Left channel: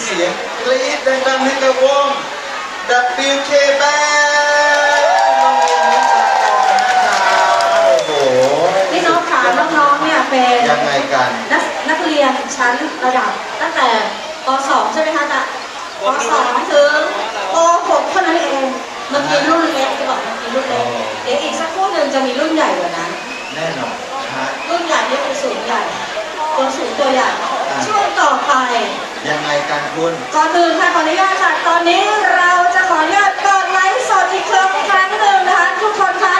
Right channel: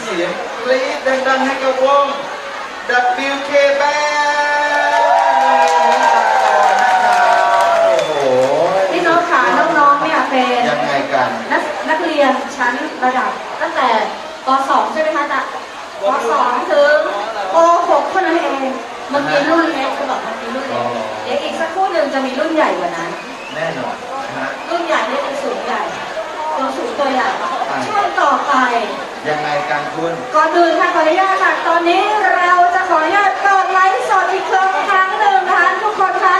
เสียงกรี๊ดดังๆให้กับวง WK Band โน้โหพี่น้องขาน้องๆเนี่ยเป็นยังไงกัน นักนักเรียนชั้นระดับตั้งแต่ป .2 ใช่ไหมคะจ๊ะป .2 ถึงป .6 เท่านั้นเองเมื่อกี้รุ่นเล็กจะบอกเมื่อกี้รุ่นเล็กเดี๋ยวอีกสักครู่หนึ่งจะมีรุ่นใหญ่กว่านั้น แน่นอนรุ่นใหญ่นี่เป็สูงใหญ่ตัวสูงตัวใหญ่ช่วงต่อไป ยังไงกันคุณก่อนอื่นค่ะขออนุญาตค่ะตอนนี้เราจะขออนุญาตเปิดไลฟ์สดอีกครั้งหนึ่งนะคะทุกคนคะ